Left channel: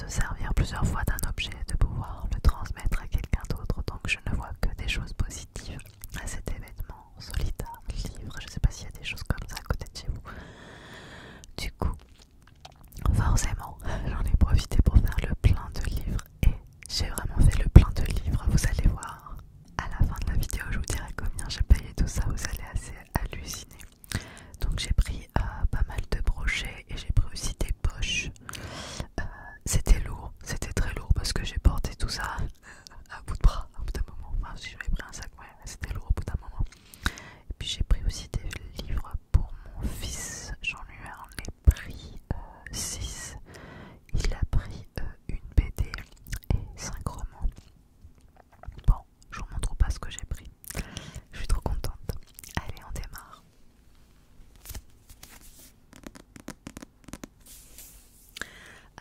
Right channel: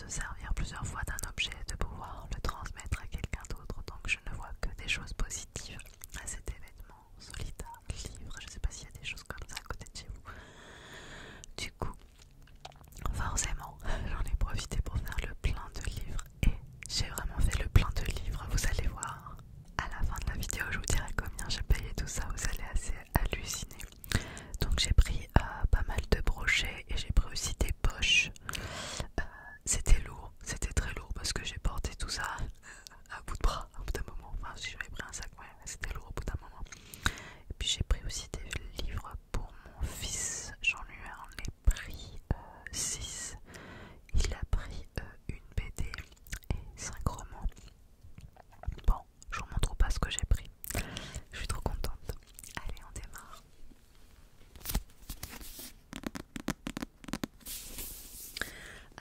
se servir plusieurs fois d'un objet, de pouvoir le transmettre à quelqu'un d'autre. Donc je ne vois que des choses positives à cet événement. Solitaire, livre, je sais pas s'il y a des choses comme ça à côté de chez vous. Du coup, forcément, j'en ai profité pour faire le plein de livres et j'ai vraiment fait le plein de livres. Vous allez voir à la fin de la vidéo, je vous dirai combien j'ai payé tout ça, vous allez assez halluciner. Donc j'ai pris pas mal de brochets et j'ai pris aussi des poches. C'était lourd, c'était très lourd parce que j'ai porté tout ça à bout de bras, à bout d'un moment. Enfin, si j'avais pris un sac, ouais, c'était lourd au bout d'un moment. Et puis j'ai pris aussi des livres pour mon fils. J'en lui en ai pris 6. Il a pris une BD et 5 romans. Bon, je vous montre pas ce que j'ai pris. Je suis trop contente. Allez, on démarre.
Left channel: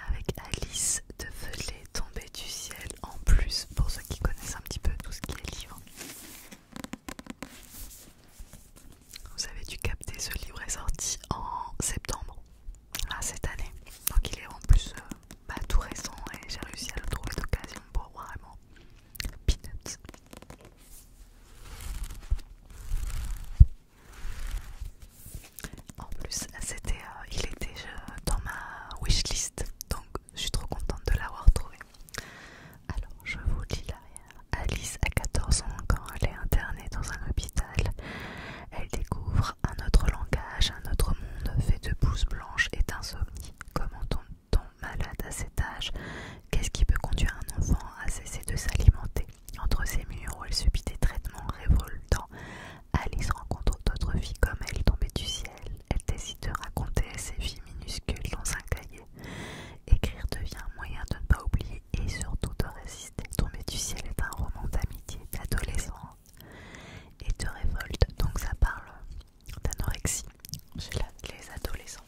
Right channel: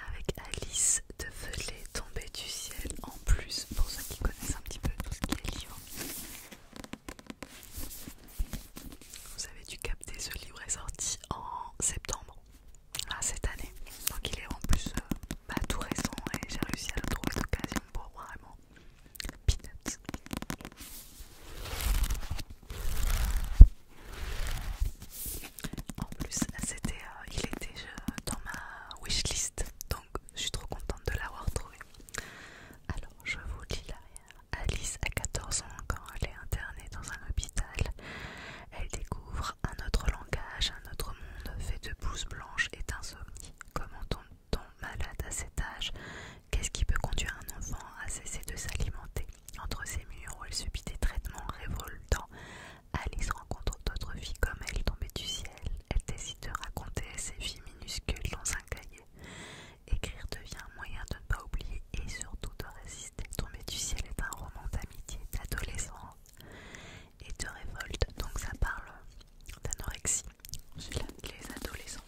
Avec Alice de Feuillet tombé du ciel. En plus, pour ceux qui connaissent un petit peu tout ce qui est livre, vous avez dû capter, ce livre est sorti en septembre cette année. Donc il est en plus tout récent et j'ai réussi à le trouver d'occasion pour vraiment peanuts. En plus, il était dans ma wishlist, donc je suis trop contente de l'avoir trouvé. Alors, je vous lis l'arrière. Alice a 14 ans quand elle est internée dans un hôpital. Elle découvre un autre langage, un autre monde fait de blouses blanches et d'insomnie. Comment tombe-t-on malade à cet âge? Qu'est-ce qui peut conduire un enfant à cesser de s'alimenter? Entre ces murs où elle subit des traitements révoltants, Alice rencontre d'autres filles comme elle tombées du ciel. Elle décide de raconter ses vies minuscules dans un cahier. Écrire devient un moyen de ne pas oublier et surtout de résister. Tomber du ciel est un roman d'amitié, d'adolescence et de révolte. Donc ça parle d'anorexie chez les adolescents.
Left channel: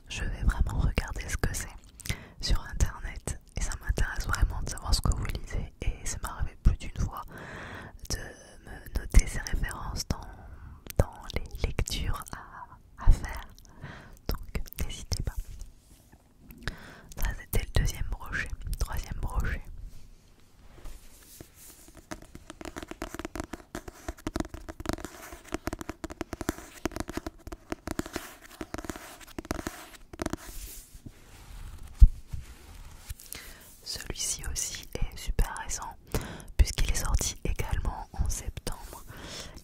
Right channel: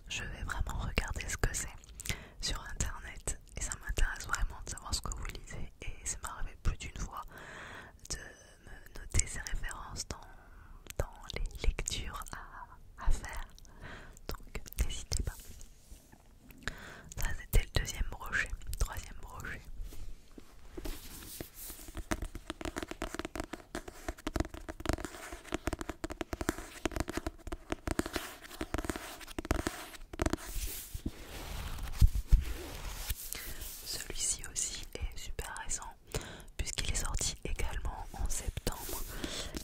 pense je vais vraiment regarder ce que c'est sur internet et ça m'intéresse vraiment de savoir ce que vous lisez et ça m'est arrivé plus d'une fois de me noter ces références dans les lectures à faire, donc n'hésitez pas. Ça c'était le deuxième brochet. Troisième brochet. Celui-ci aussi est super récent puisqu'il est sorti également en septembre.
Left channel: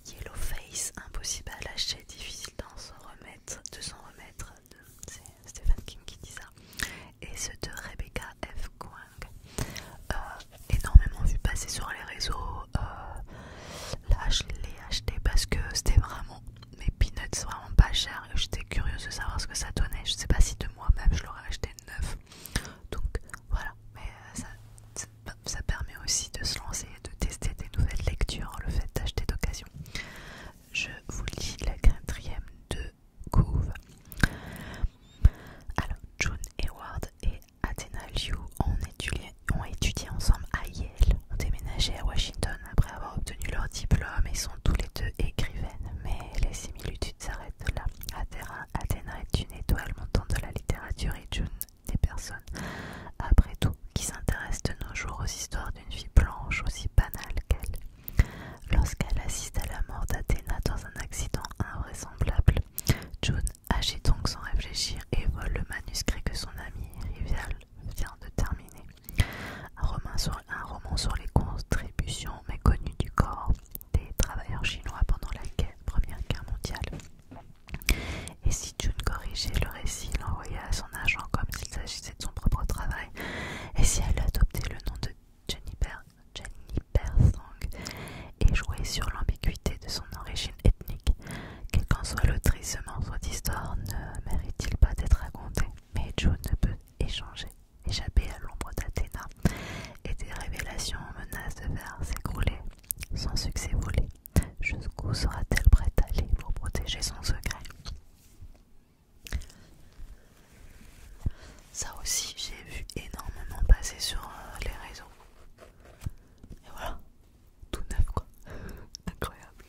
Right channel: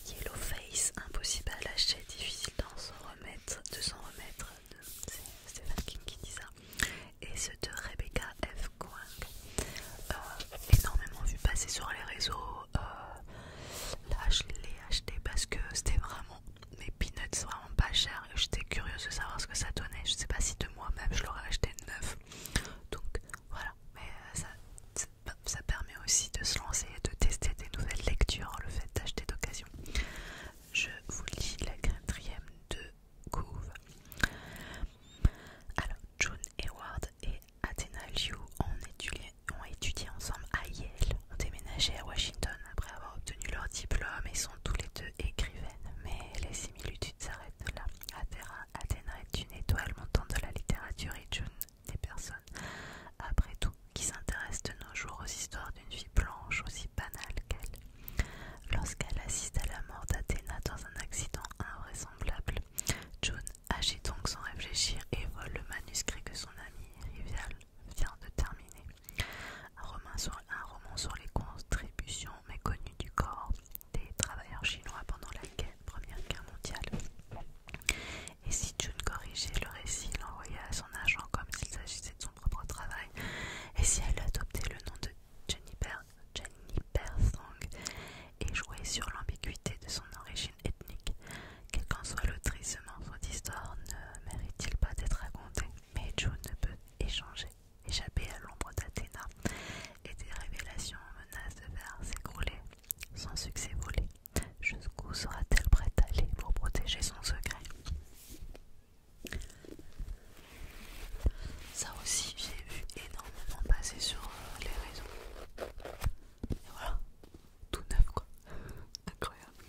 Yellowface, impossible à lâcher, difficile de s'en remettre. C'est Stephen King qui dit ça. Et ceux de Rebecca F. Kuang. Énormément vu passer sur les réseaux. Là je l'ai acheté parce que c'était vraiment mes peanuts vraiment pas cher et j'étais curieuse de savoir ce que ça donnait. Je sais pas si de moi-même je l'aurais acheté neuf. Donc voilà, mais ça permet aussi de se lancer et de tester des nouvelles lectures, le fait d'acheter d'occasion. Je vous lis la quatrième de couve. Alors, June Hayward et Athena Liu ont étudié ensemble à Yale, ont déménagé à Washington après avoir obtenu leur diplôme et sont tous les deux écrivaines, mais les similitudes s'arrêtent là. Athena est une étoile montante de la littérature et June des personnes, après tout, qui s'intéressent de nos jours aux histoires d'une vie blanche aussi banale qu'elle. Lorsqu'elle assiste à la mort d'Athéna dans un accident invraisemblable, June agit donc sans réfléchir et vole le manuscrit que son ami rival vient de terminer. Un roman sur les contributions méconnues du corps des travailleurs chinois pendant la Première Guerre mondiale. Et si June corrigeait le récit, l'envoyait à son agent comme s'il s'agissait de son propre travail, et si elle adoptait le nom de Jennifer Song et jouait sur l'ambiguïté de son origine ethnique, quelle qu'en soit l'autrice, ce morceau d'histoire ne mérite-t-il pas d'être raconté? Mais June ne peut échapper à l'ombre d'Athéna, et des révélations menacent de faire s'écrouler son succès volé. Jusqu'où sera-t-elle prête à aller pour protéger son secret? Ça aussi, j'ai vu énormément passer sur les réseaux. Et voilà, tout neuf quoi. Incroyable,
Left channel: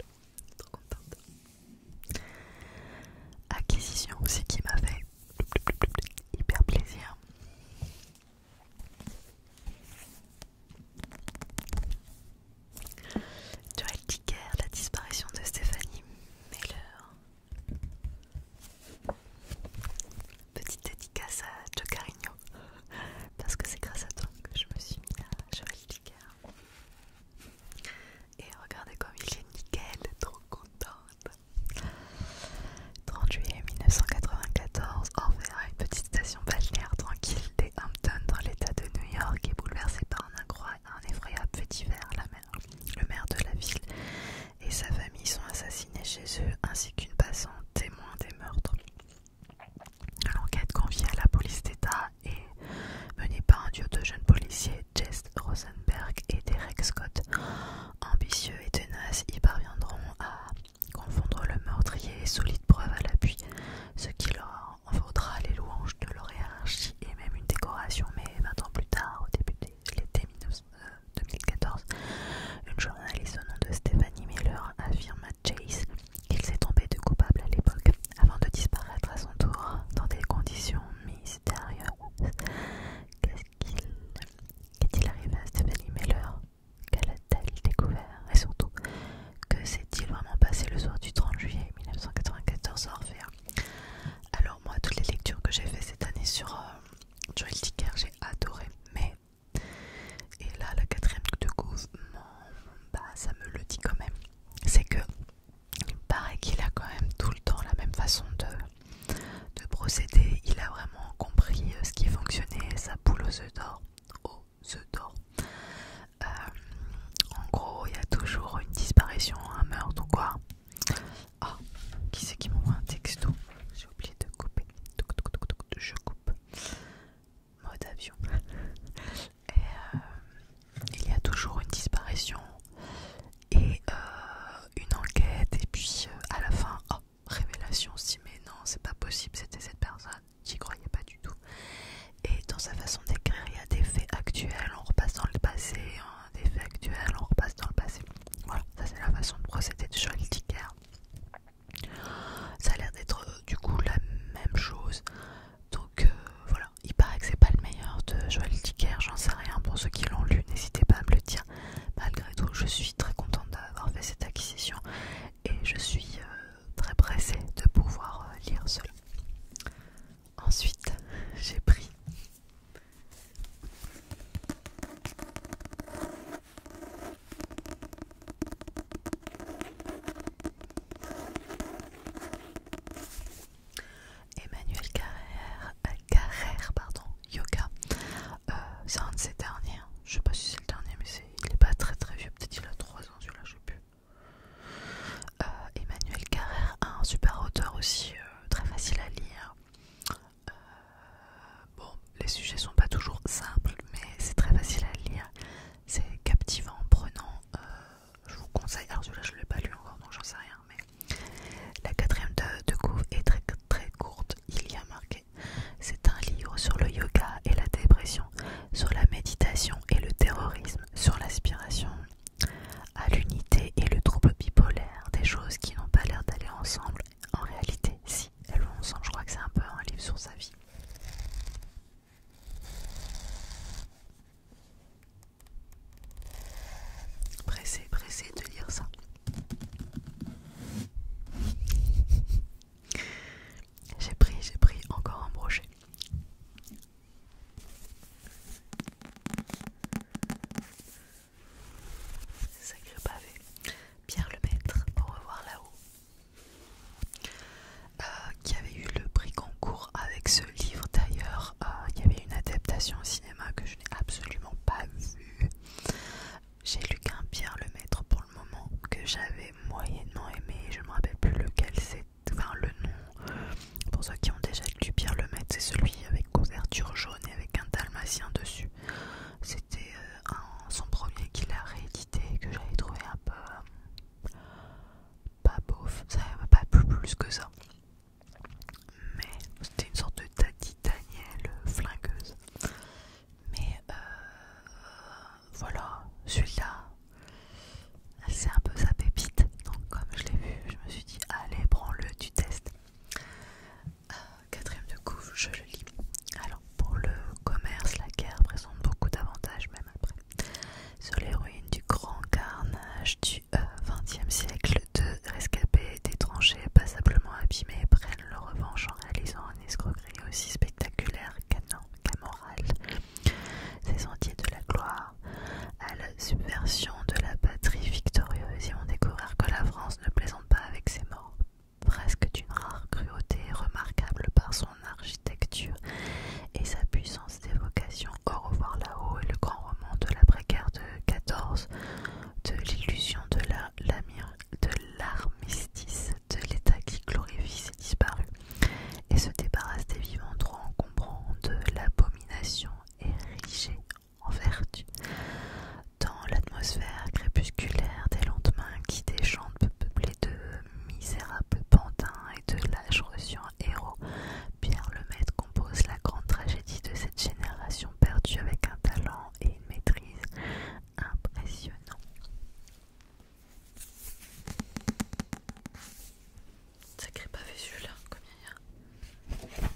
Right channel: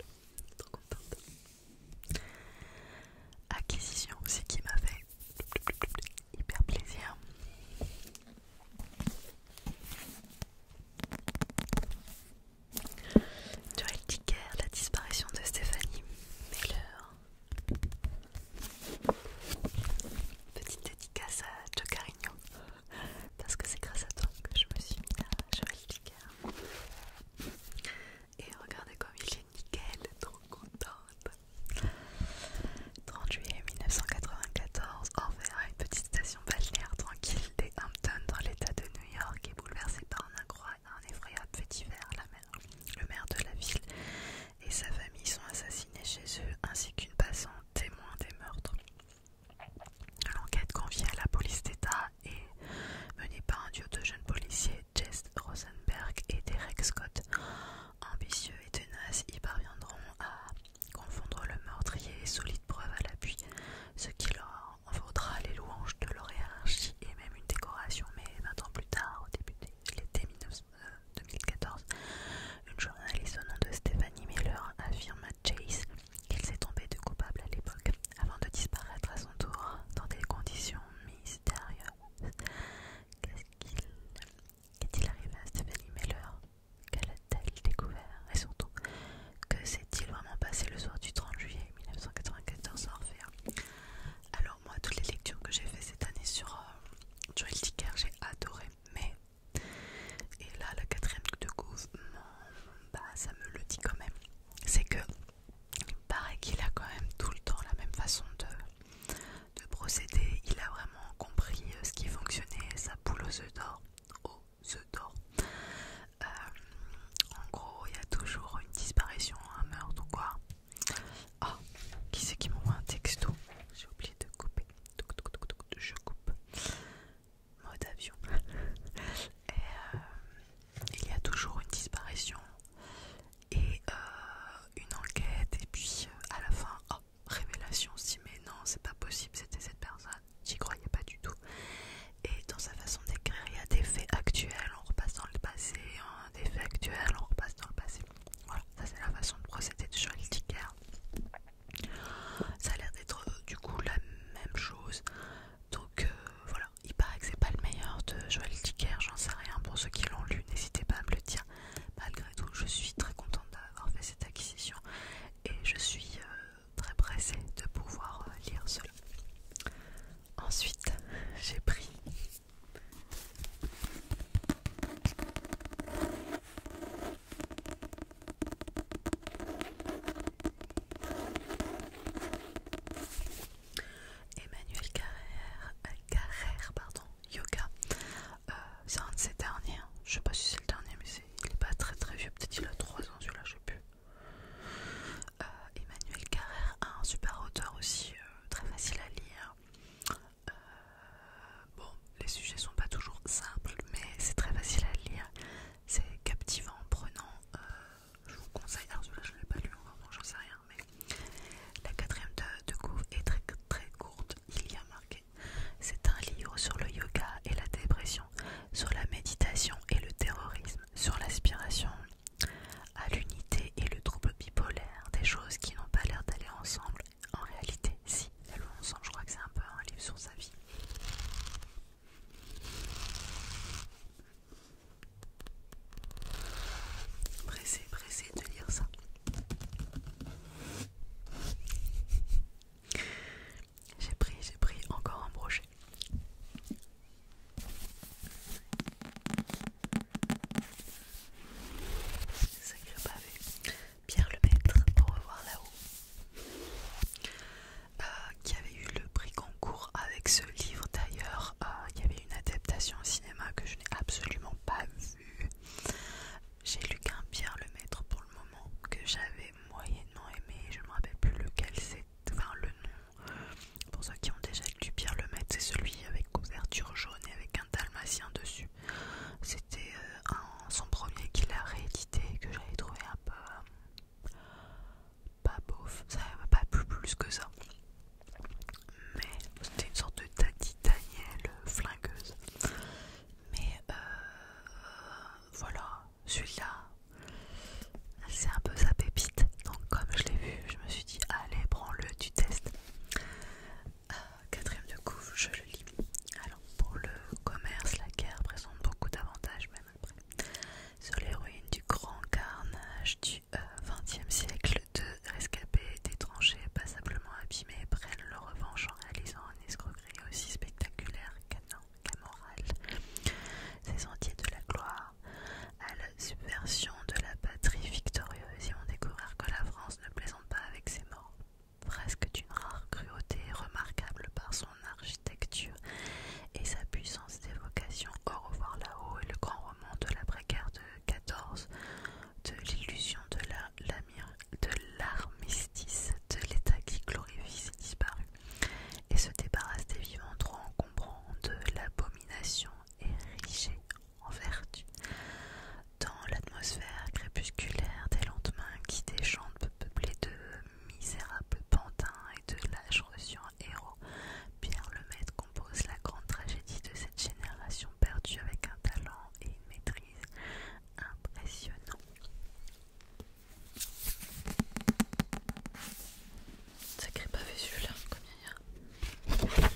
trop contente. Acquisition aussi qui m'a fait hyper plaisir. Joël Dicker, la disparition de Stephanie Meller. Petite dédicace à Joe Carigno, parce que c'est grâce à toi que je me suis mis à Joël Dicker. Et regardez comme il est nickel, trop contente. 30 juillet 1994, Orville, une petite station balnéaire tranquille des Hamptons dans l'état de New York, est bouleversée par un effroyable fait divers. Le maire de la ville et sa famille sont assassinés chez eux, ainsi qu'une passante témoin des meurtres. L'enquête confiée à la police d'État est menée par un duo de jeunes policiers, Jess Rosenberg et Derek Scott. Ambitieux et tenaces, ils parviendront à confondre le meurtrier et solides preuves à l'appui, ce qui leur en vaudra les louanges de leur hiérarchie et même une décoration. Mais 20 ans plus tard, au début de l'été 2014, une journaliste au nom de Stephanie Miller affirme à Chase qu'il s'est trompé de coupable à l'époque, avant de disparaître à son tour dans des conditions mystérieuses. Qu'est-il arrivé à Stephanie Miller? Qu'elle a-t-elle découvert? Et surtout, que s'est-il vraiment passé le soir du 30 juillet 1994 à Orphea? Alors moi, toutes les lectures que j'ai fait cette année sur Joël Dicker, j'ai adoré, mais et là la quatrième de couve, ça me le dit quand même, c'est que il paraît qu'il a quand même tout le temps la même façon de procéder. Il a vraiment compris ce qui fonctionnait, sa poule aux œufs d'or. En gros, il y a toujours une disparition, un meurtre ou quoi. Oh, qui c'est qui m'envoie un texto? J'ai oublié de couper. Je coupe. Mode avion. Et il y a toujours une disparition et une enquête, et puis à la fin, oh, révélation, si mais non, c'est pas possible, c'était cette personne. J'y j'ai pris Emmanuel Carrère, pardon, yoga. C'est un de ses derniers, hein. Je sais pas si c'est le dernier, mais il est pas très très vieux, peut-être il a 3 ans celui-là, je sais plus. Emmanuel Carrère, un super auteur aussi, très facile à lire. Bon, les sujets sont pas toujours simples, mais c'est très facile à lire. C'est captivant, prenant. Je vous conseille. Alors celui-là, je l'ai pas lu encore, donc j'en sais rien. Mais la quatrième de couve est très très courte. Il y a marqué. C'est un livre sur le yoga et la dépression, sur la méditation et le terrorisme, sur l'aspiration à l'unité et le trouble bipolaire, des choses qui n'ont pas l'air d'aller ensemble. En réalité, si, elles vont ensemble. Je crois que c'est un peu un livre sur sa vie. Pressé de lire ça. J'ai pris encore un brochet. Sacré pavé. Pierre Lemaitre, au revoir là-haut. Qui avait eu le prix Goncourt avec ce livre d'ailleurs. Il y avait une adaptation au cinéma que je n'ai absolument pas vue. J'ai lu qu'un Pierre Lemaitre pour le moment que j'avais moyennement aimé. Je ne me rappelle plus lequel c'est, enfin le nom. Pour ceux qui ont déjà lu Pierre Lemaitre, c'est celui avec couverture jaune et avec un dalmatien dessus. C'était son premier qu'il a réédité que j'avais trouvé un peu pas beauf. Ça m'a pas plu plus que ça. Mais c'était une sorte de Tati Daniel flingueuse. Mais voilà, celui-là, c'est un peu sa pépite. Donc comme je l'ai vu, je me suis dit allez, prends-le, tu testes. Quatrième de couve, je le lis. Alors pour le commerce, la guerre présente beaucoup d'avantages même après. Sur les ruines du grand carnage du XXe siècle, deux rescapés d'étrangers passablement abîmés prennent leur revanche en réalisant une escroquerie aussi spectaculaire qu'amorale. Ces sentiers de la gloire à la subversion de la patrie victorieuse, et on découvre que la France ne plaisante pas avec ses morts. Presque d'une rare cruauté, remarquable par son architecture et sa puissance d'évocation. Au revoir là-haut est le grand roman de l'après-guerre de 14, de l'illusion de l'armistice, de l'état qui glorifie ses disparus et se débarrasse des vivants trop encombrants, de l'abomination érigée en vertu. Dans l'atmosphère crépusculaire des lendemains qui déchantent peuplés de misérables pantins et de l'âge reçu en héros, Pierre Lemaitre compose la grande tragédie de cette génération perdue avec un talent et une maîtrise impressionnants. Sacré pavé celui-là, combien il y a?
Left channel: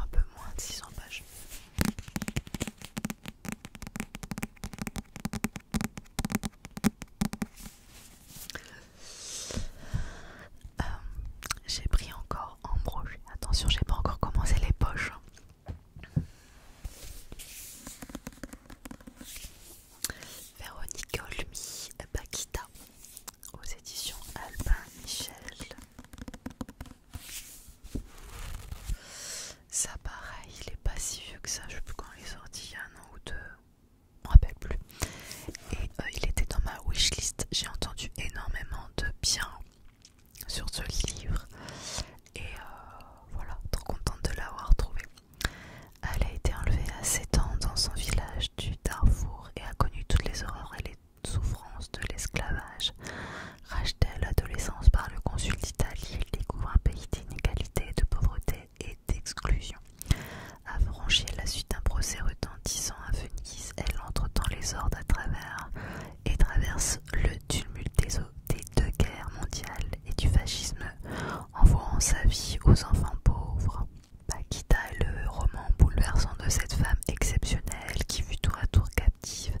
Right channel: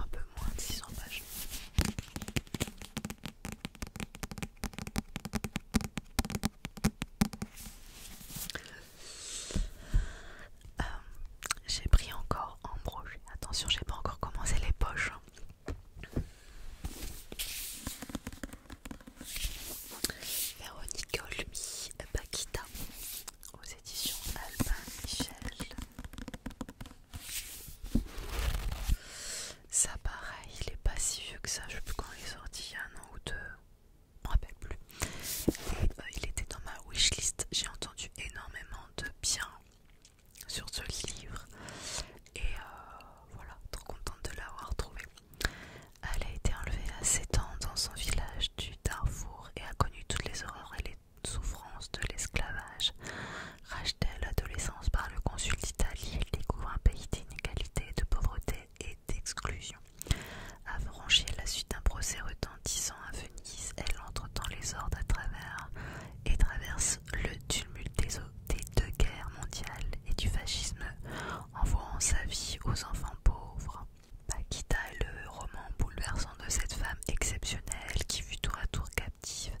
Un peu moins de 600 pages. J'ai pris encore en brochet. Attention, j'ai pas encore commencé les poches. Véronique Olmy, Paquita, aux éditions Albin Michel. Ça pareil, il est pas si vieux que ça, je sais plus quand il est sorti, il y a 1 an ou 2, je me rappelle plus. Et il était dans ma wishlist, j'ai entendu énormément de bien sur ce livre. Et voilà, trop contente de l'avoir trouvé. Elle a été enlevée à 7 ans dans son village du Darfour et a connu toutes les horreurs et les souffrances de l'esclavage. Rachetée à l'adolescence par le consul d'Italie, elle découvre un pays d'inégalité, de pauvreté et d'exclusion. Affranchie à la suite d'un procès retentissant à Venise, elle entre dans les ordres à travers et traverse le tumulte des 2 guerres mondiales et du fascisme en vouant sa vie aux enfants pauvres. Paquita est le roman bouleversant de cette femme exceptionnelle qui fut tour à tour captive,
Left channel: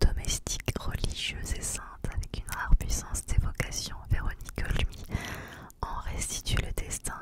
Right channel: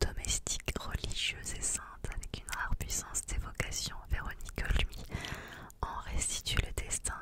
domestique, religieuse et sainte, avec une rare puissance d'évocation. Véronique Olmy en restitue le destin,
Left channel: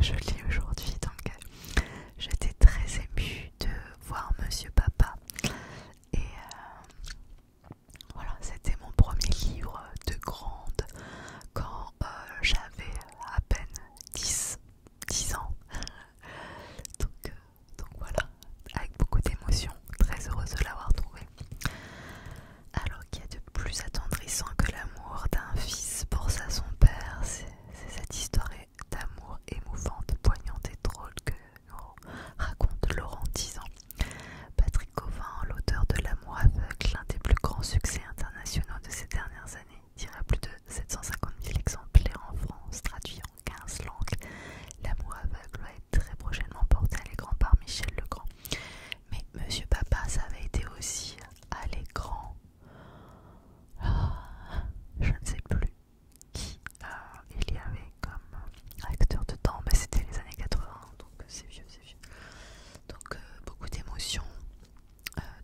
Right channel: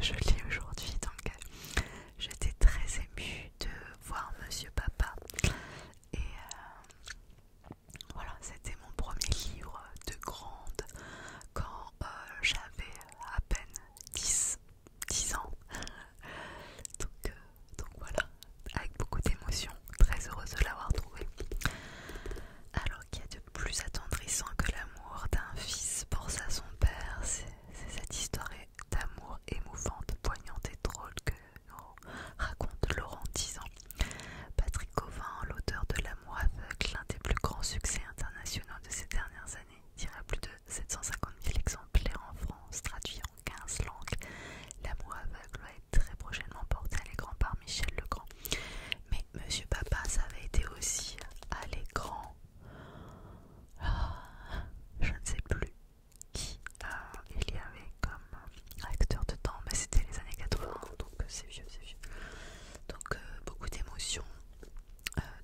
je lis aujourd'hui. Donc j'étais très émue de voir Monsieur Papa. Et voilà, c'était mon premier livre de grande quand j'avais à peine 10 ans. Donc voilà, avec beaucoup d'émotion, très heureuse de l'avoir trouvé. Alors qu'il y a de plus attendrissant que l'amour d'un fils pour son père, c'est cette histoire d'amour émouvante, poignante et drôle que nous raconte Laurent 10 ans. Patrick Cauvin, l'auteur de L'amour aveugle, l'un des plus grands succès internationaux de ces dernières années, tira plus de 750 000 exemplaires en France, traduit en 15 langues. L'amour aveugle va être très prochainement porté à l'écran par Michel Legrand. Mais Monsieur Papa, ça avait été aussi à l'écran. Je ne sais plus qui il y avait comme acteur dedans, mais c'était les années 80, donc c'est vieux. Donc beaucoup d'émotions,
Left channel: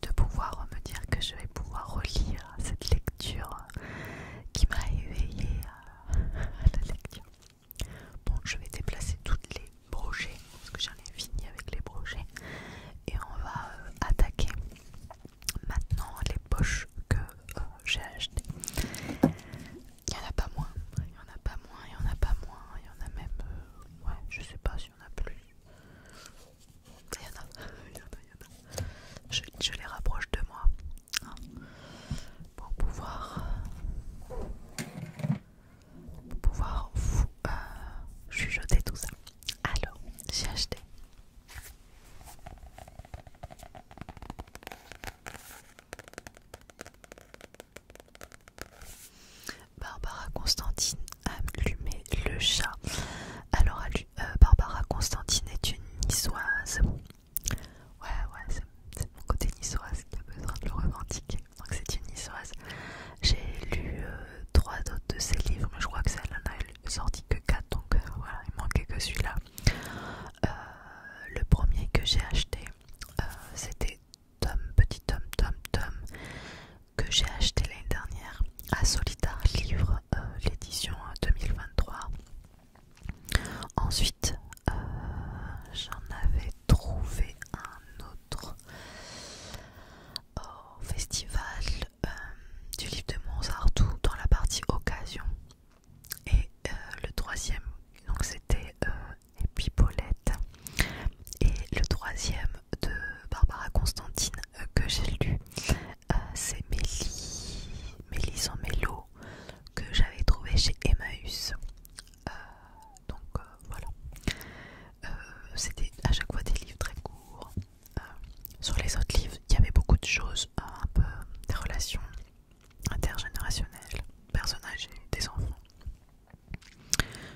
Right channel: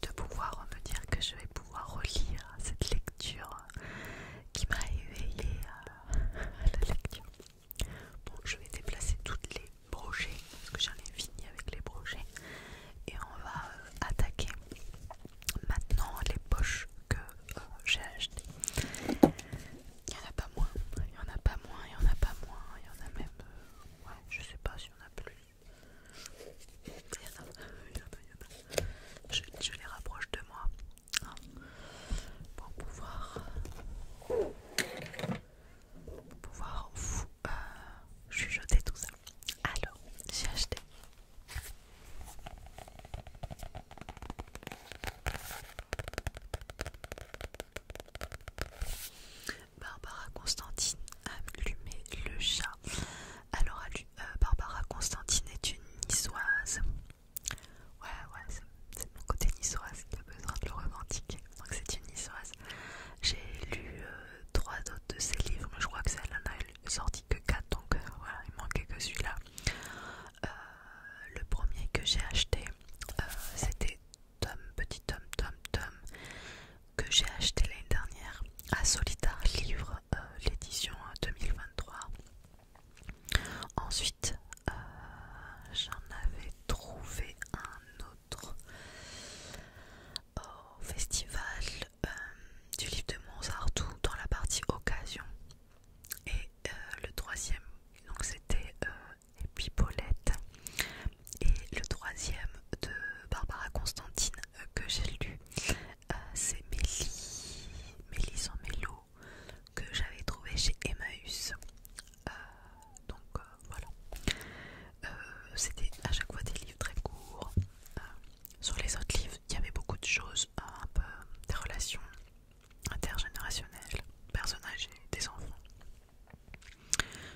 de pouvoir me dire que je vais pouvoir relire cette lecture qui m'a éveillée à la lecture. Bon, je vais déplacer toutes les brochets, parce que j'en ai fini avec les brochets, et on va attaquer maintenant les poches que j'ai achetées. Il n'y en a pas moins, il y en a pas moins, il y en a pas moins, il y en a même, ouais, je sais pas s'il y en a plus. Il y en a. Je les rapproche de moi, hein, pour pouvoir vous chuchoter tout ça. Alors, j'ai acheté Barbara Constantine, Allumer le chat. Alors, Barbara Constantine est une niçoise. Ouais, c'est mon côté niçoise qui a besoin de le revendiquer. Donc, c'est une niçoise. J'ai lu 3 autres de ses livres, mais je crois que celle en a sorti que 4, donc voilà, il manquait que celui-là. Le premier que j'ai acheté, c'était Petit Tom, que j'ai acheté l'année dernière à Solitar Livre, l'édition 2023. Ensuite, j'en avais trouvé un autre au festival du livre de Montsartou dans la partie occasion. Et le troisième, donc c'était Épipolette. Et le troisième de Barbara Constantine que j'ai lu, c'est Mélis en mélo, que j'avais trouvé chez Emmaüs. Donc voilà. C'était à chaque fois des livres très courts. Sur les autres livres, il y avait beaucoup de choses, un peu des relations intergénérationnelles, personnages et des enfants.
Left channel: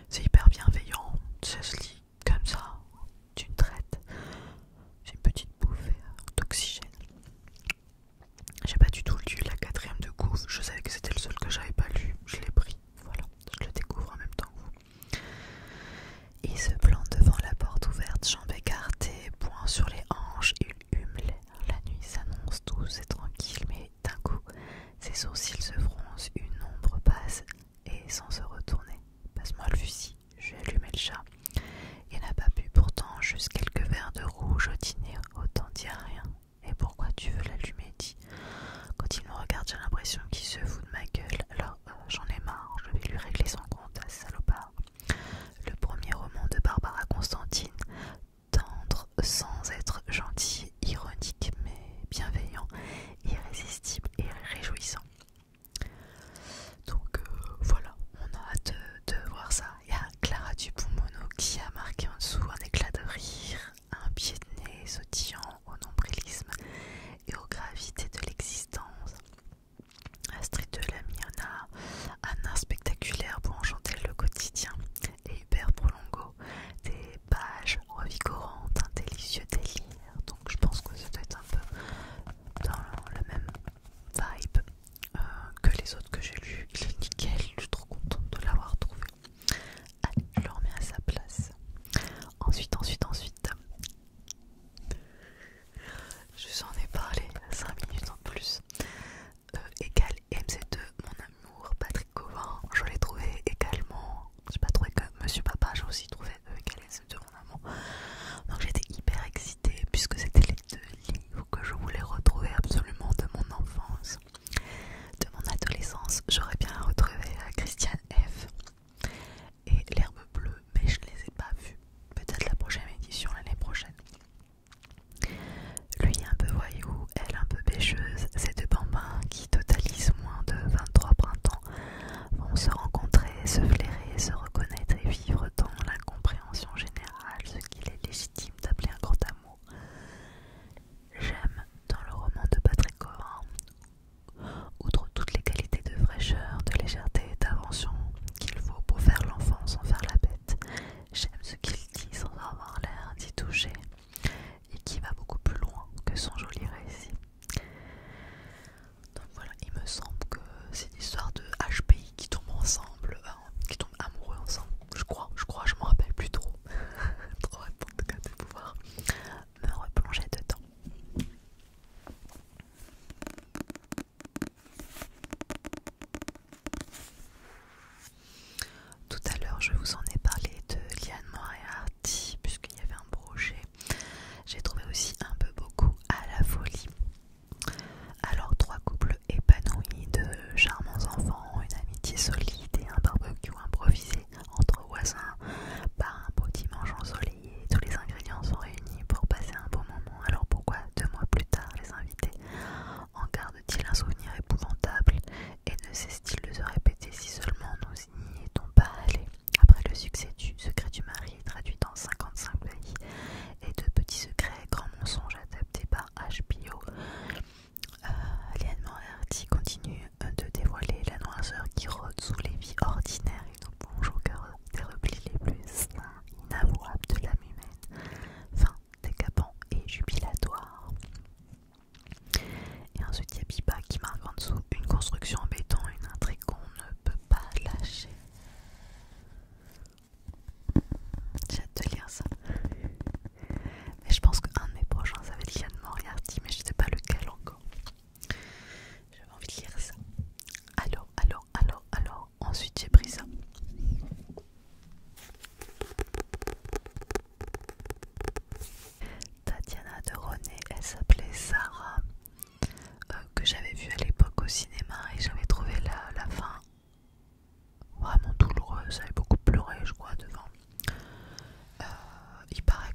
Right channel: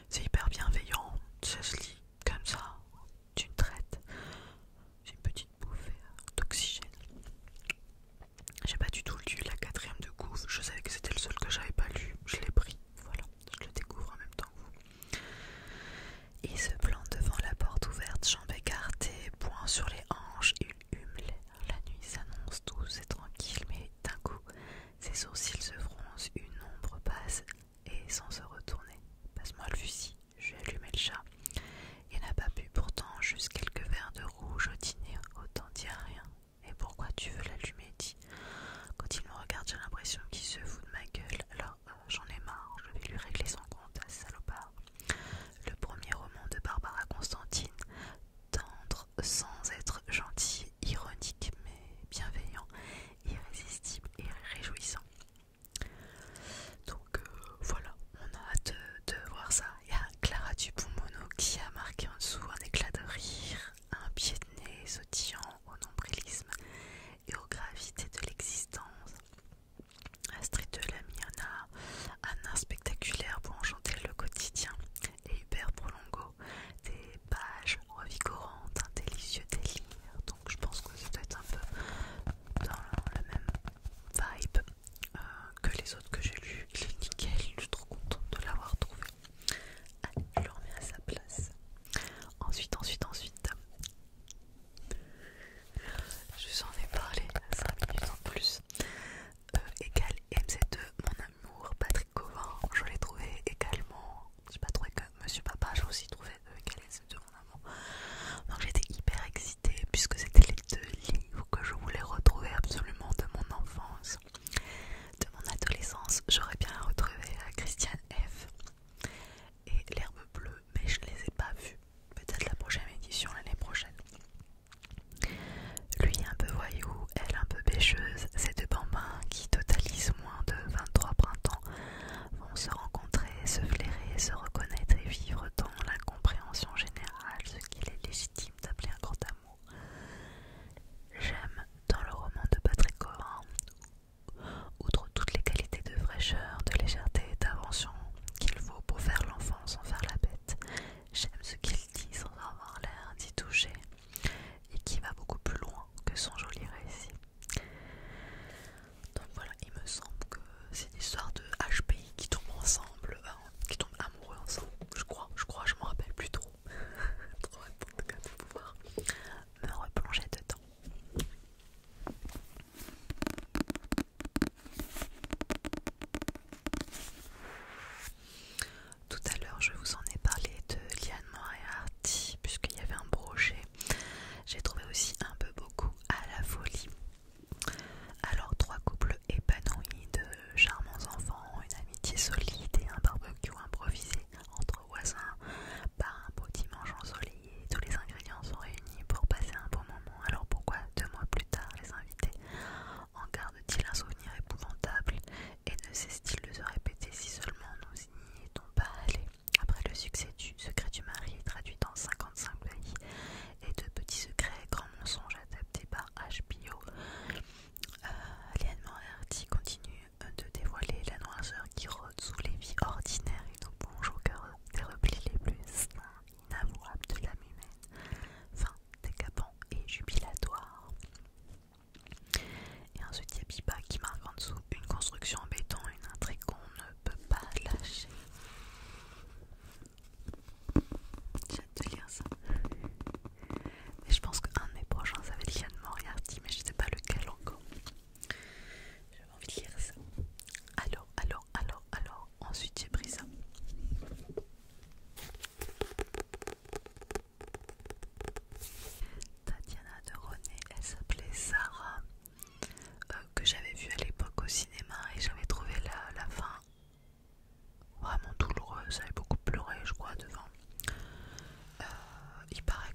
C'est hyper bienveillant, ça se lit comme ça, d'une traite. J'ai une petite bouffée d'oxygène. J'ai pas du tout lu la 4e de Gouv, je savais que c'était le seul que j'avais pas lu, je l'ai pris, voilà, je le découvre en même temps que vous. Il se plante devant la porte ouverte, Jean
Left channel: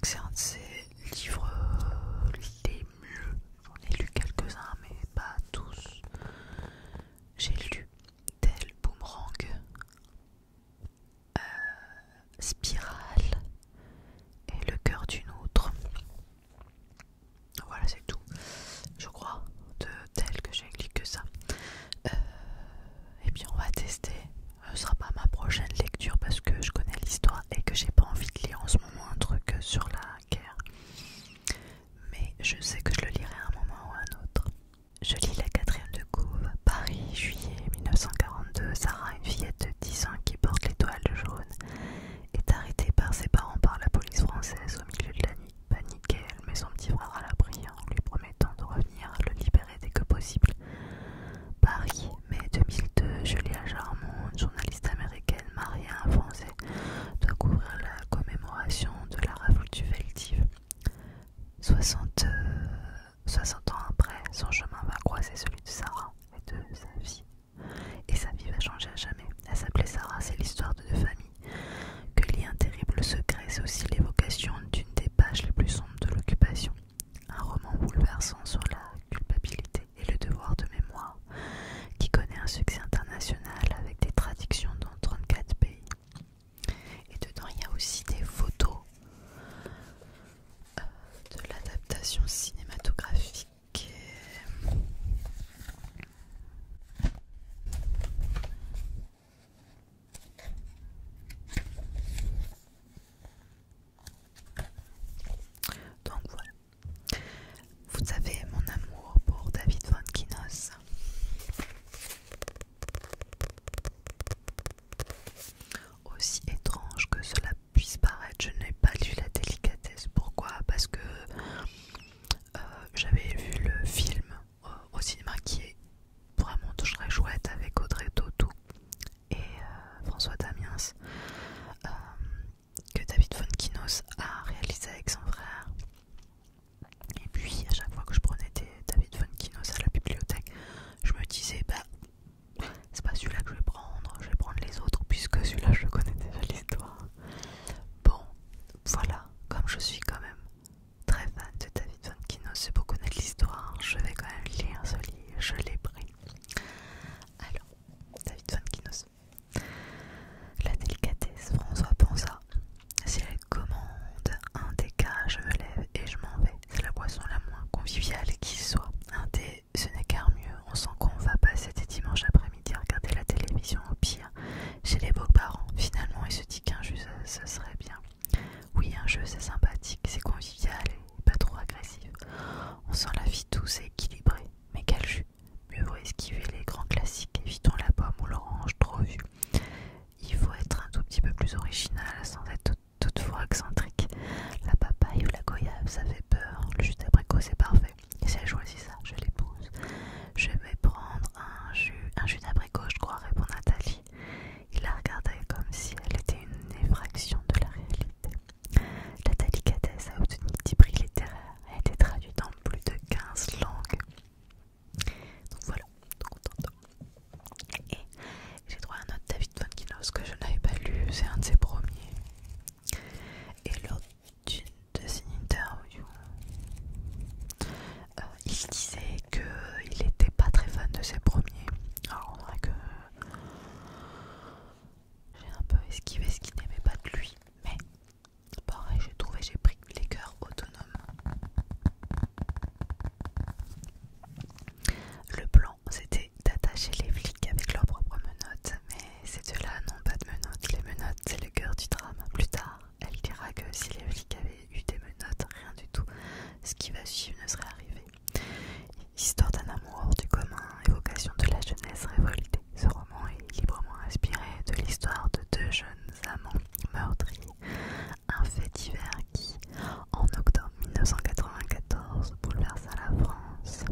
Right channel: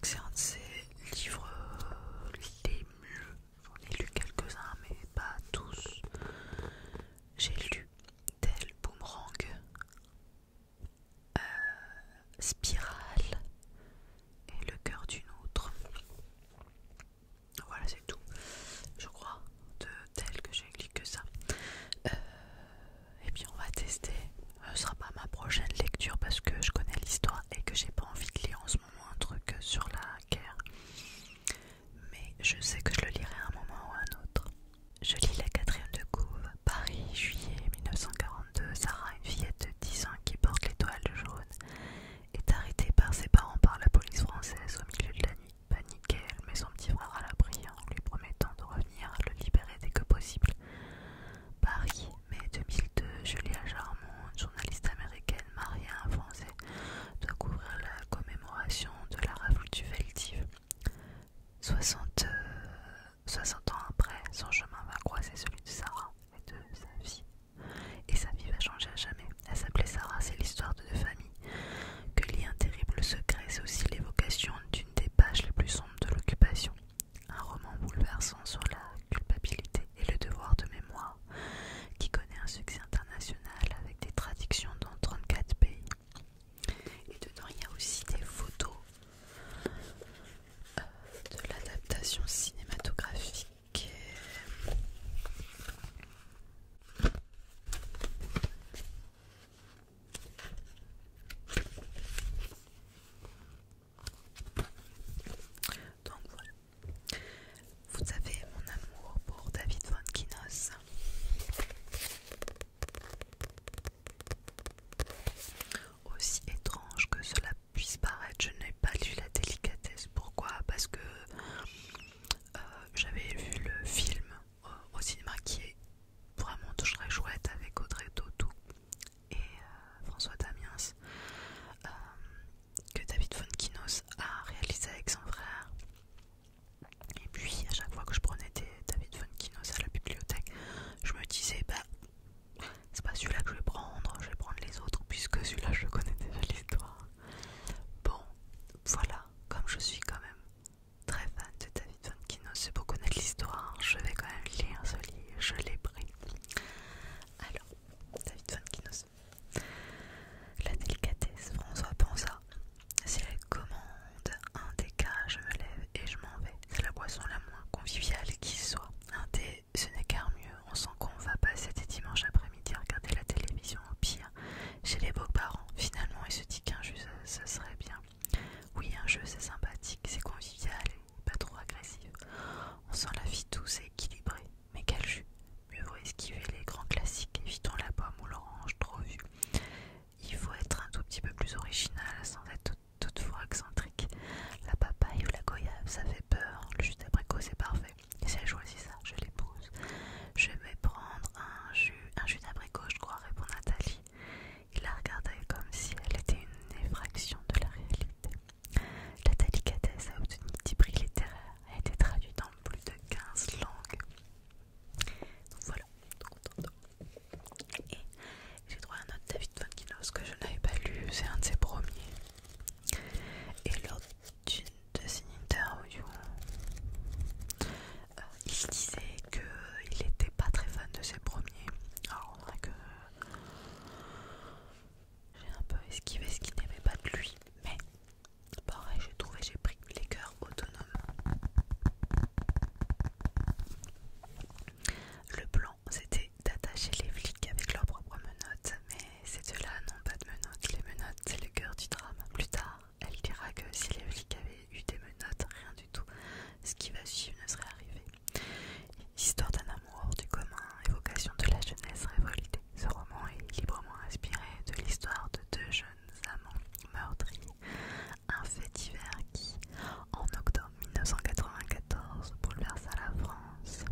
que c'est un de ses livres les mieux. J'en ai lu quelques-uns, mais pas tous. J'ai lu Tel Boomerang, Spirale et Le cœur d'une autre. Voilà, c'est tout, je crois, de Tel que j'ai lu que ça. Et puis on va tester. Ce sera pas ma prochaine lecture parce que je connais l'histoire et que j'ai pas envie de lire en ce moment un truc sur la guerre. Mais je sais que je le lirai à un moment ou à un autre. Je lis La quatrième de couve, Paris, juillet 1942. Sarah, une fillette de 10 ans qui porte l'étoile jaune, est arrêtée par ses parents par la police française au milieu de la nuit. Paniquée, elle met son petit frère à l'abri en lui promettant de revenir le libérer dès que possible. Paris, mai 2002, Julia Jarmon, une journaliste américaine mariée à un Français, doit couvrir la commémoration de la révolte du Veldiv. 60 ans après, son chemin va croiser celui de Sarah et de sa vie. Et sa vie va changer à jamais. Elle s'appelait Sarah, c'est l'histoire de deux familles que lie un terrible secret. C'est aussi l'évocation d'une des pages les plus sombres de l'occupation. Un roman bouleversant sur la culpabilité et le devoir de mémoire qui connaît un succès international avec des traductions dans 34 pays. Et dedans, il y a aussi des photos de l'adaptation cinématographique. Donc voilà. Vous savez mon amour pour David Fonkinos. Aussi étrange que cela puisse paraître, je n'ai pas lu La délicatesse. Pourquoi? Parce que j'avais vu le film au cinéma qui est vraiment très chouette avec Audrey Tautou et François Damiens, que David Fonkinos a réalisé avec son frère. Et puis à chaque fois que je prenais David Fonkinos à la bibliothèque, je me disais c'est pas celui-là que je vais prendre les autres puisque celui-là je connais déjà l'histoire. Bon, voilà, comme je suis quand même très fan de David Fonkinos, c'est pour connaître l'histoire, je vais quand même lire ce livre, je l'ai pris. Alors, David Fonkinos. La délicatesse, François pensa. Si elle commande un des cas, je me lève et je m'en vais. C'est la boisson la moins conviviale qui soit. Un thé, ce n'est qu'un mieux. On sent qu'on va passer des dimanches après-midi à regarder la télévision au pire chez les beaux-parents. Finalement, il se dit qu'un jeu, ça serait bien. Oui, un jeu, c'est sympathique, c'est convivial et pas trop agressif. On sent la vie douce et équilibrée. Mais quel jus! Mieux vaut esquiver les grands classiques. Évitons la pomme ou l'orange trop vue. Il faut être un tout petit peu plus original sans être toutefois excentrique. La papaye ou la goyave, ça fait peur. Le jus d'abricot, c'est parfait. Et si elle choisit ça, je l'épouse. Je vais prendre un jus d'abricot, je crois, répond Nathalie. Il la regardait comme si elle était une effraction de la réalité. La délicatesse a obtenu un petit prix littéraire et a été traduite en plus de 15 langues. Donc voilà, tout contente. Et j'ai trouvé un autre David Fonkinos que je n'avais pas lu, c'est un de ses premiers. Et lors d'une de ses interviews, il disait qu'il n'était pas très fan de ses premiers. Alors on dirait que j'ai un peu esquivé ce qu'il n'aimait pas de lui, mais pareil, j'ai pris les cœurs autonomes. Le plan, c'était d'attacher les flics avec leurs propres menottes, mais ces deux-là n'ont pas de menottes. Les menottes, c'est le cœur du drame. Plus tard, elle dira que si les flics avaient eu des menottes, rien du tout, ce qui va suivre ne serait arrivé. Histoire d'un amour hors du commun, évocation de la jeunesse révoltée. Ce roman est librement inspiré de l'histoire de deux jeunes amants meurtris. Un fait divers qui, en octobre 1994, bouleversa la France.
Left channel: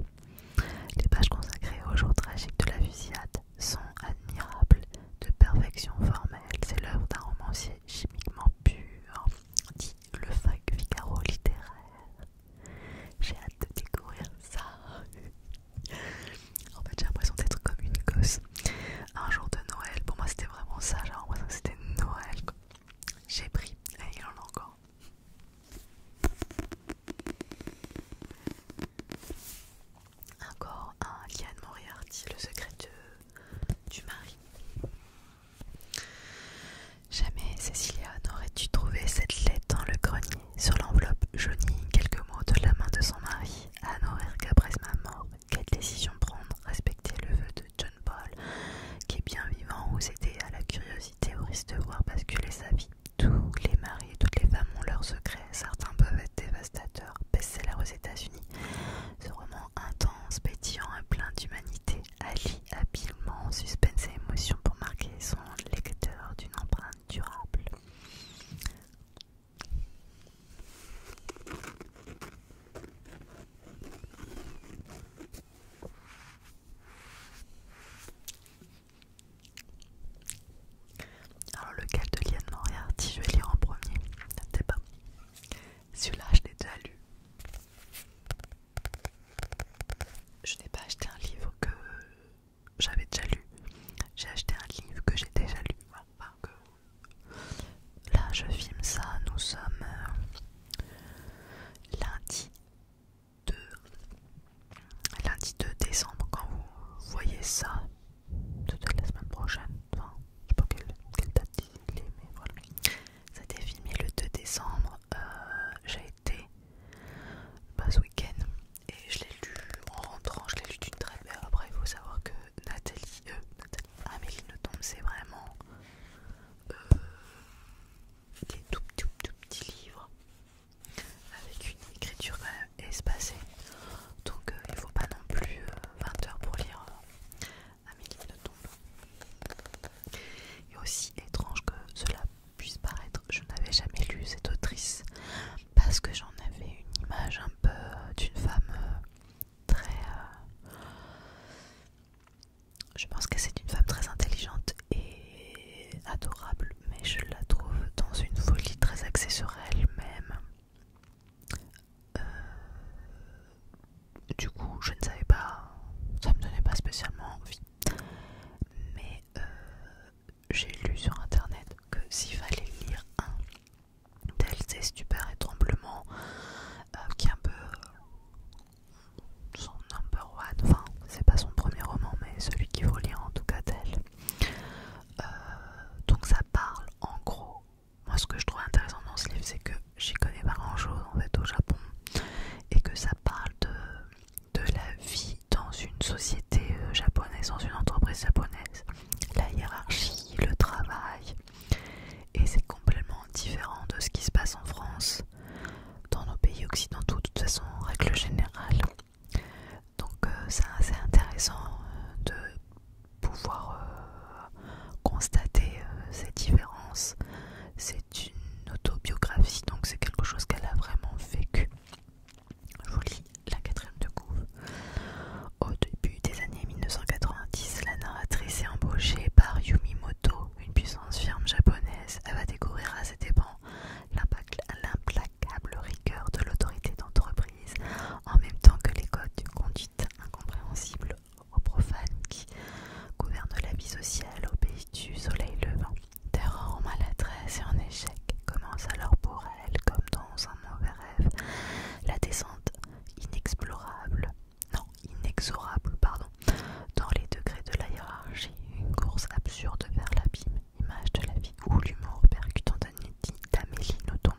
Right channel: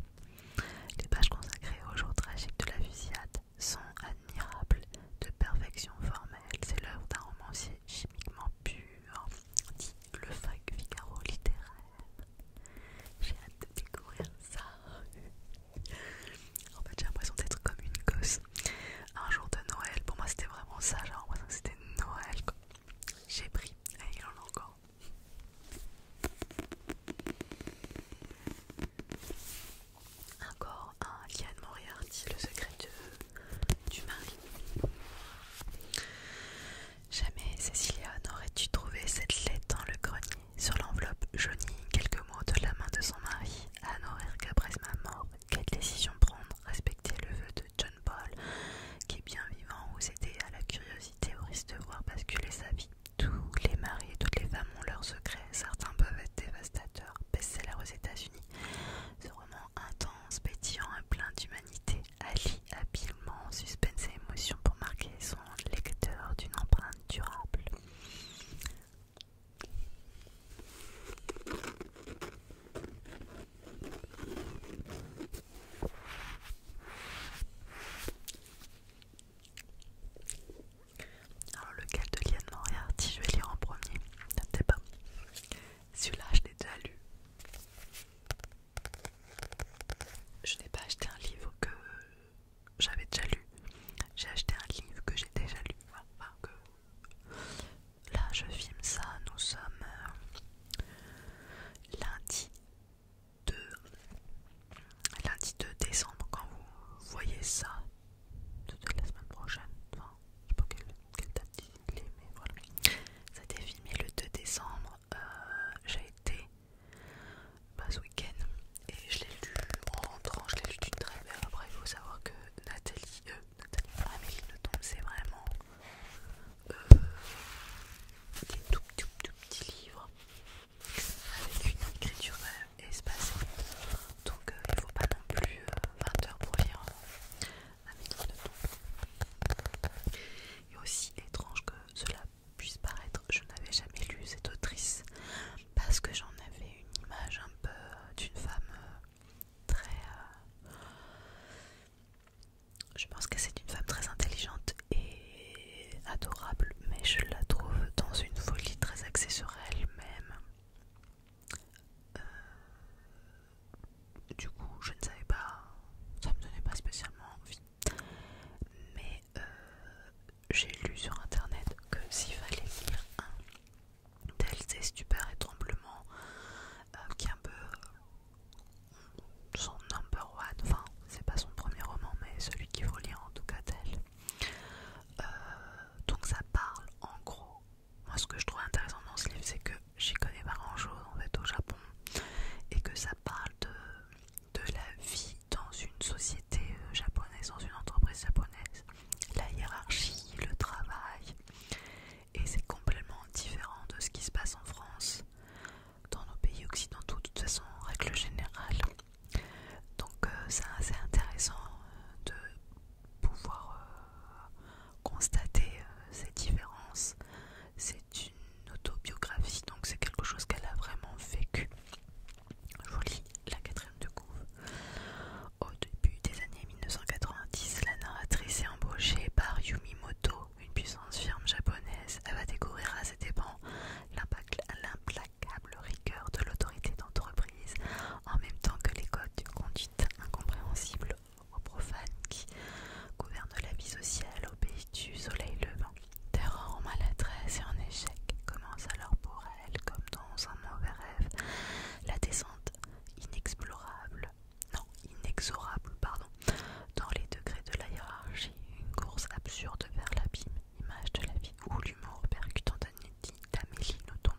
Les pages consacrées au jour tragique de la fusillade sont admirables, de perfection formelle. C'est l'œuvre d'un romancier chimiquement pur, dit le Figaro littéraire. J'ai hâte de découvrir ça. En fait, j'ai l'impression d'être comme une gosse. Un jour de Noël, pour moi c'était vraiment ça, j'ai l'impression que c'était Noël. parce que j'en avais une image un peu d'une femme très... je pense que c'est une femme très intelligente et adorable, mais je la trouve dans une folie très axée sur elle-même. Du coup, je ne savais pas, ça me donnait pas spécialement envie. Mais j'ai lu sur internet que s'il fallait lire un d'elle, c'est Stupeur et Tremblement, qui est un peu son number one, enfin c'est pas son premier roman mais celui qu'il faut lire en tout cas d'elle. Donc ça parle en gros, moi ce que je trouve intéressant dans ce livre c'est que j'y connais pas grand chose en fait au Japon, et que ça parle de la vie dans une société japonaise, dans une entreprise japonaise, la hiérarchie, le travail, et c'est complètement différent de ce qui se passe en France, dans nos pays occidentaux de toute façon en règle générale. Donc c'est assez intéressant de pouvoir constater ces différences. C'est une autobiographie, donc c'est quelque chose qu'elle a vraiment vécu. Je vous lis la quatrième de couve. Au début des années 1990, la narratrice est embauchée par Yumimoto, une puissance firme japonaise. Elle va découvrir à ses dépens l'implacable rigueur de l'autorité d'entreprise, en même temps que les codes de conduite incompréhensibles aux profanes qui gouvernent la vie sociale au pays du soleil levant. Terreur en maladresse et en échec commence alors pour elle, comme dans un mauvais rêve, la descente inexorable, dans les degrés de la hiérarchie, une course absurde vers l'abîme, image de la vie où l'humour percutant d'Amélie Nothomb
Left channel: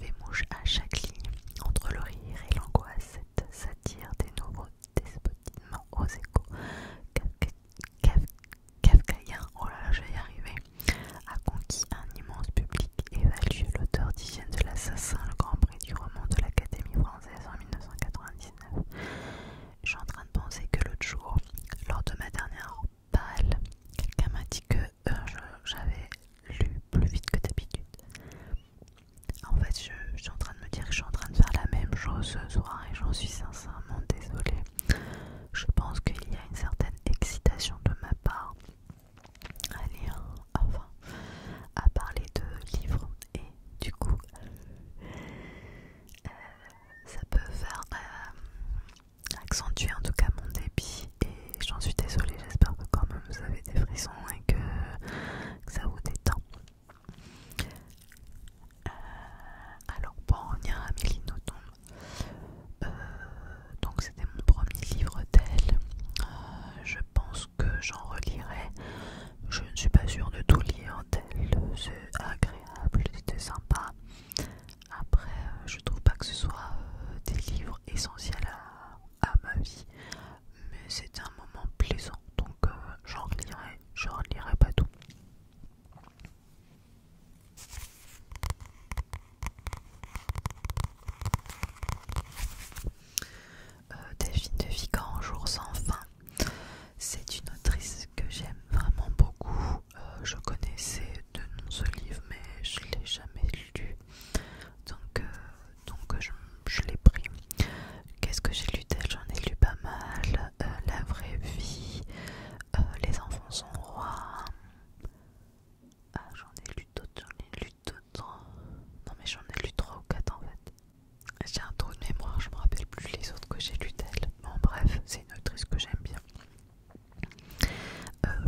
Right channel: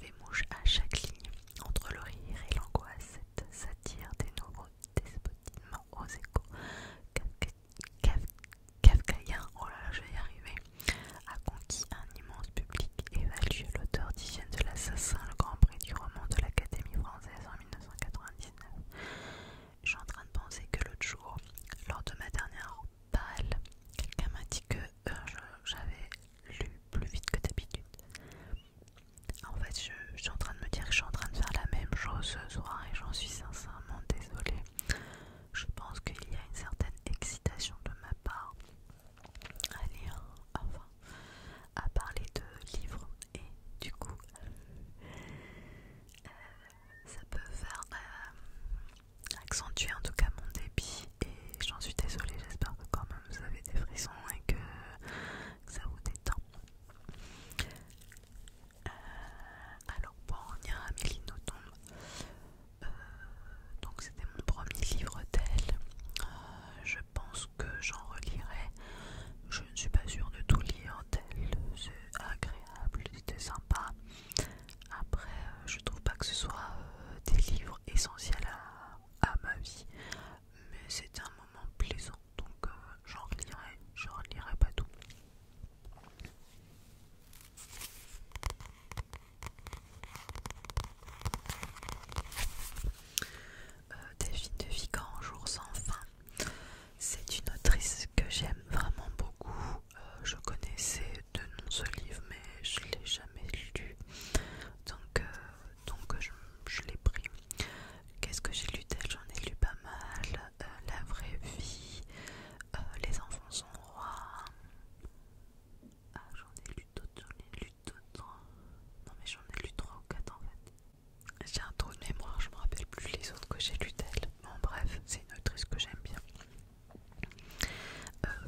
fait mouche à chaque ligne. Entre le rire et l'angoisse, cette satire des nouveaux despotismes aux échos kafkaïens, oh là là, je vais y arriver, a conquis un immense public. Évalue l'auteur d'Hygiène de l'assassin, le grand prix du roman de l'Académie française en 1999. Je suis en train de penser que l'autre jour, lors de ma dernière palle, quelqu'un m'a dit que j'avais lu plus vite que d'habitude. En fait, je suis en train de me dire que je suis en train de faire la même chose ce soir et j'en suis sincèrement désolée. Je pense qu'il y a une certaine excitation de ma part à lire, enfin, à parler de livres, et du coup, ça peut faire accentuer en tout cas mon débit, et j'en suis désolée. J'espère que quand même vous avez des frissons et que ça vous détend. Alors pour en revenir à Amélie Nothomb, donc c'était mon premier livre d'elle. Je pense que j'en relirai. Je ne suis pas sûre de tout lire d'elle. C'est agréable, c'était sympa. Après, je trouve pas que ce soit des livres essentiels à ma vie, mais c'était un moment plaisant, donc j'en relirai. Je relirai pas tout. Delphine de Vigan, Un jour sans fin. C'est une autrice que j'aime vraiment beaucoup. Je connaissais de nom ce livre, mais je l'ai jamais lu. Donc je l'ai pris. Qu'est-ce que j'ai lu d'elle? J'en ai lu pas mal. La vraie vie, Les enfants sont rois. J'en ai lu d'autres. Non mais j'en ai lu 3 ou 4 en fait. J'ai un trou de mémoire, je me rappelle plus les autres que j'ai lu d'elle. Bon bref, c'est une autrice que j'aime bien.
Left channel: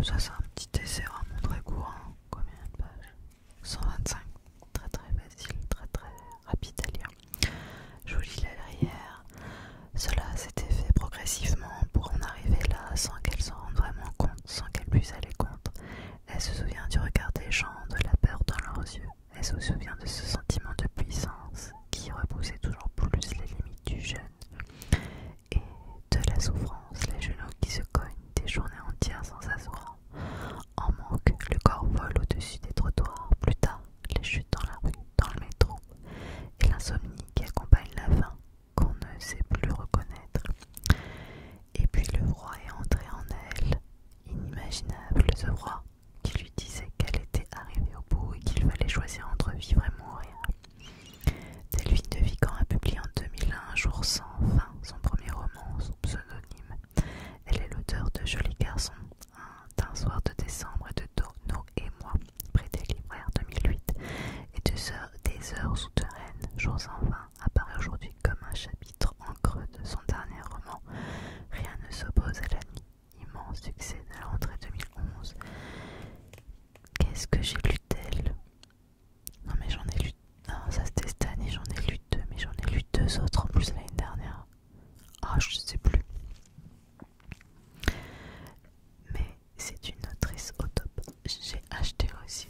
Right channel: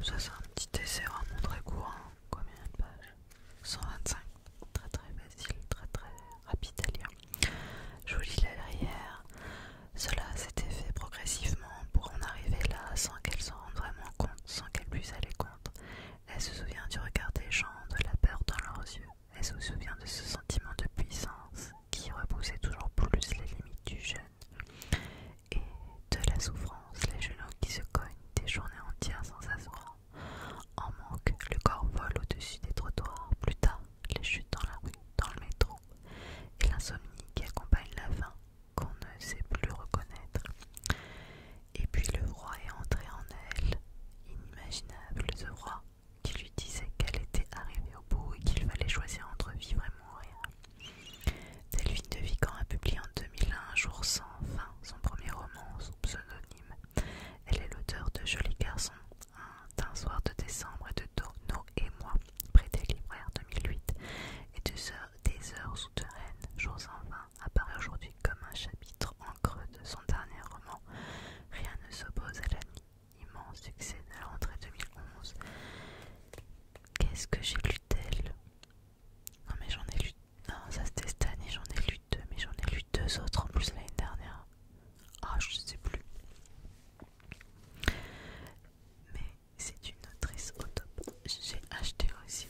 Ça c'est un petit essai vraiment très court. Combien de pages? 125. Très facile, très rapide à lire. Je vous lis la derrière. Cela en vain apparaît aujourd'hui comme un chapitre en creux de son dernier roman. Rien ne s'oppose à l'immense succès de la rentrée 2011. Qu'est-ce que j'ai lu d'elle? Non mais j'en ai lu... Non, ça c'était cette année, j'en ai lu deux, mais j'en ai lu deux autres en plus l'année dernière. Ah, je sais plus. Mais c'est une autrice au top. J'ai acheté aussi.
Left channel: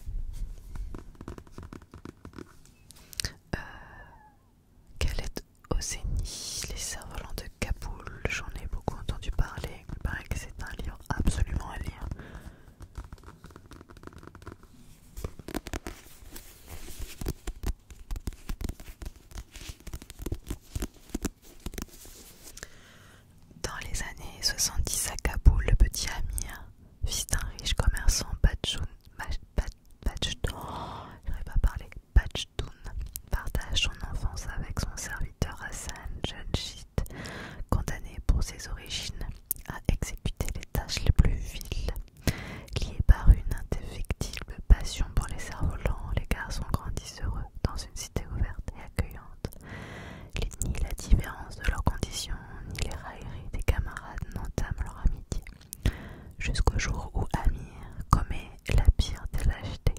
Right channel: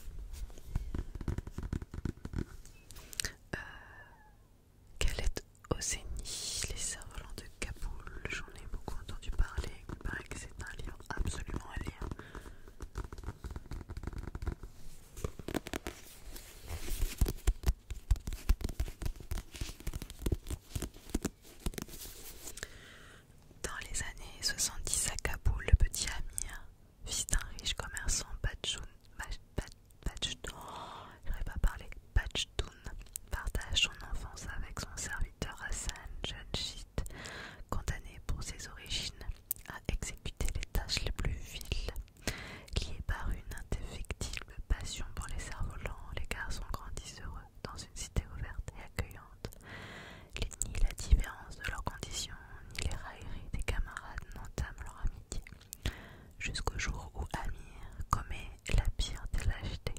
Khaled Hosseini, Les cerfs-volants de Kaboul. J'en ai beaucoup entendu parler. Il paraît que c'est un livre absolument à lire. Dans les années 70 à Kaboul, le petit Amir, fils d'un riche commerçant Pachtoun, partage son enfance avec son serviteur Hassan, jeune chiite, condamné pour ses origines à exécuter les tâches les plus viles. Liés par une indéfectible passion pour les cerfs-volants, les garçons grandissent heureux dans une cité ouverte et accueillante. Ni la différence de leurs conditions, ni les railleries des camarades n'entament leur amitié, jusqu'au jour où Amir commet la pire des lâchetés.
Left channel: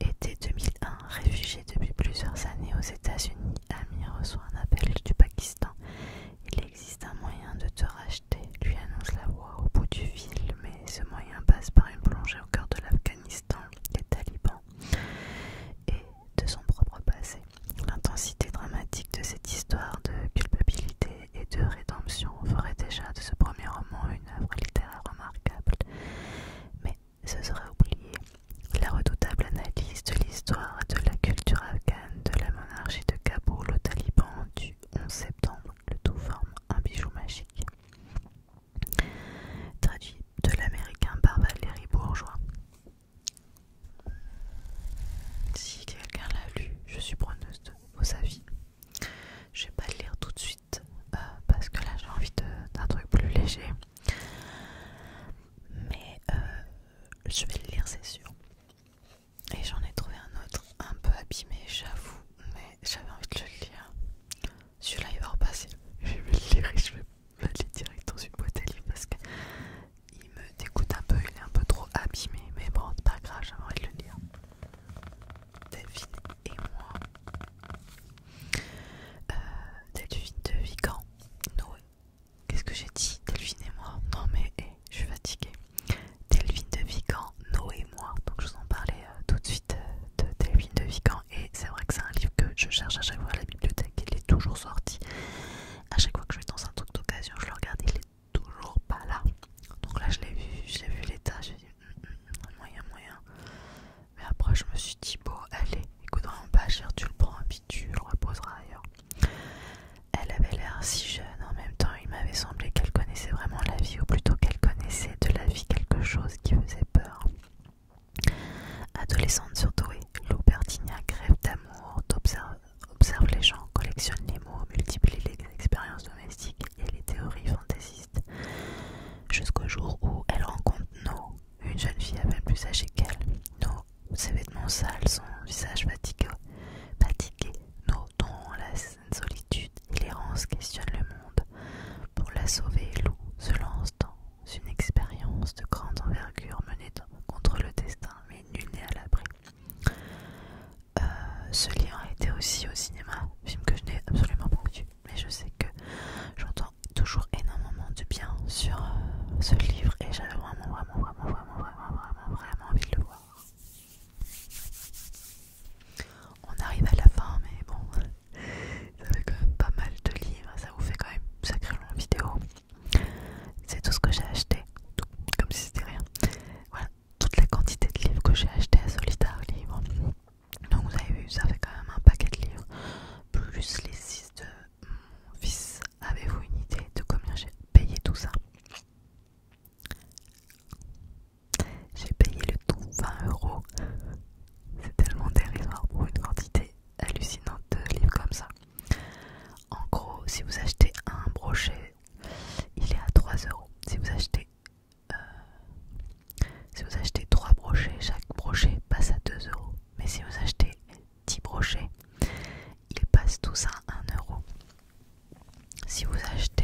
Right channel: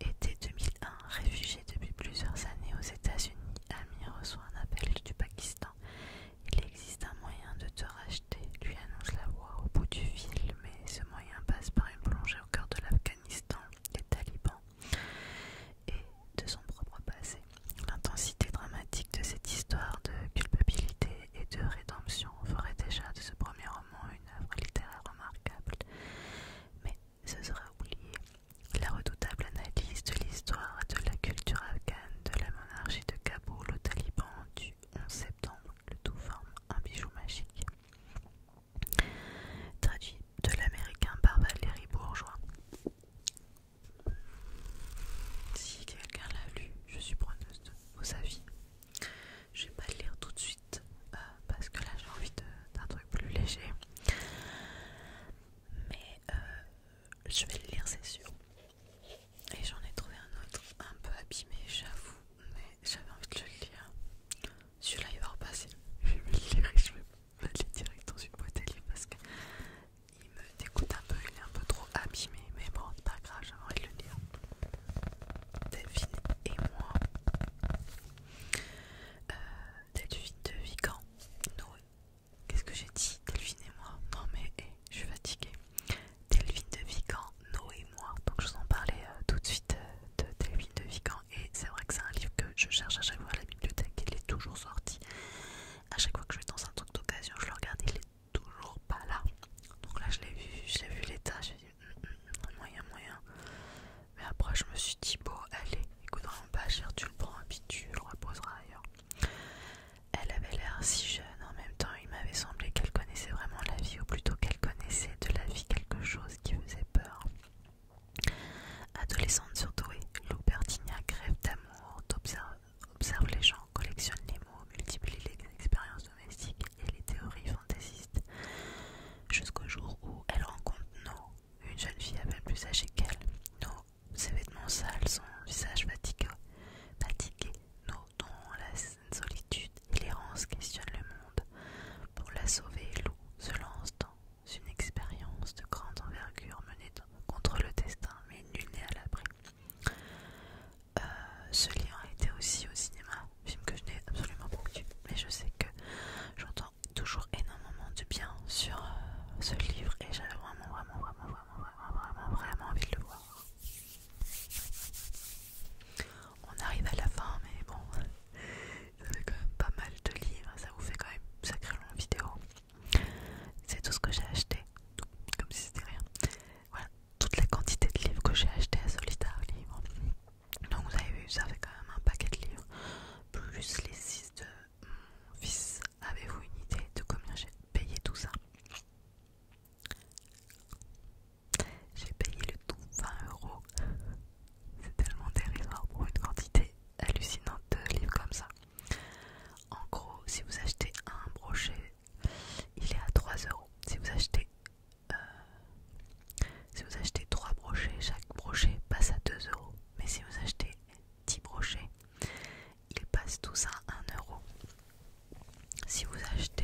Été 2001, réfugié depuis plusieurs années aux États-Unis, Amir reçoit un appel du Pakistan. Il existe un moyen de te racheter, lui annonce la voix au bout du fil, mais ce moyen passe par une plongée au cœur de l'Afghanistan, des talibans et de son propre passé. L'intensité dramatique de cette histoire de culpabilité et de rédemption ferait déjà de ce premier roman une œuvre littéraire remarquable. Mais ce serait oublier la redoutable analyse de l'histoire et de la culture afghane, de la monarchie de Kaboul aux talibans du 11 septembre. Le tout forme un bijou magique. Traduit de l'américain par Valérie Bourgeois. Si quelqu'un l'a lu, je suis preneuse de vos avis. Je vais pas le lire tout de suite parce que là j'ai envie d'un truc plus léger. Mais je vais le lire, c'est sûr. Et j'en ai trouvé un autre un peu abîmé, j'avoue, mais j'avais envie de le lire. Celui-là il va repasser. Je vais le lire et je vais le lire direct dans une boîte à livres parce que il me dégoûte un peu, il est un peu trop abîmé. Mais bon, c'est pas grave, j'aimerais le lire. Delphine et moi. Delphine de Vigan. Noé. Qu'est-ce que j'ai dit? Delphine et moi. Non mais je suis fatiguée. Delphine de Vigan, Noé et moi. Donc je vous en parlais tout de suite de Delphine de Vigan. Et c'est vrai que c'est un livre que je cherche à chaque fois à la bibliothèque. Il est toujours sorti. À chaque fois que je vais dans un truc d'occasion, je le regarde, il est toujours pas là. Donc là je l'ai vu l'état, j'ai dit moyen. Mais après je me suis dit bon allez, écoute vraiment pas cher, tu le prends et puis tu le reposeras ailleurs. Elle avait l'air si jeune, en même temps il m'avait semblé qu'elle connaissait vraiment la vie, ou plutôt qu'elle connaissait de la vie quelque chose qui faisait peur. Adolescente surdouée, Lou Bertignac rêve d'amour, observe les gens, collectionne les mots, multiplie les expériences domestiques et les théories fantaisistes. Jusqu'au jour où elle rencontre No, une jeune fille à peine plus âgée qu'elle. No, ses vêtements sales, son visage fatigué. No, dont la solitude et l'errance questionnent le monde. Pour la sauver, Lou se lance dans une expérience de grande envergure menée contre le destin, mais nul n'est à l'abri. Ce livre a été aussi au cinéma, film que je n'ai absolument pas vu, mais je sais que j'entends toujours énormément de bien sur ce livre et j'avais vraiment envie de le voir. On arrive à la fin, mais bon, ça fait quand même pas mal de livres, ça vous fait quand même une sacrée longue vidéo. C'est tout ce que j'ai acheté, comme si c'était rien. Voilà, toute la quantité de livres que j'ai acheté à Solitaire Livre. Donc vous avez vu, ça fait quand même un paquet de livres, plus les 6 de mon fils. Avez-vous une idée de combien j'ai payé tout ça? J'ai payé le tout 20 €. C'est tellement dérisoire pour une quantité hallucinante de livres comme ça. En gros, si vous achetez un brochet, il est à 3 €. Si vous achetez 3 brochets, chaque brochet passe à 2 €. Mais si vous achetez 10 brochets, il passe passe tous à 1 euro. Si vous achetez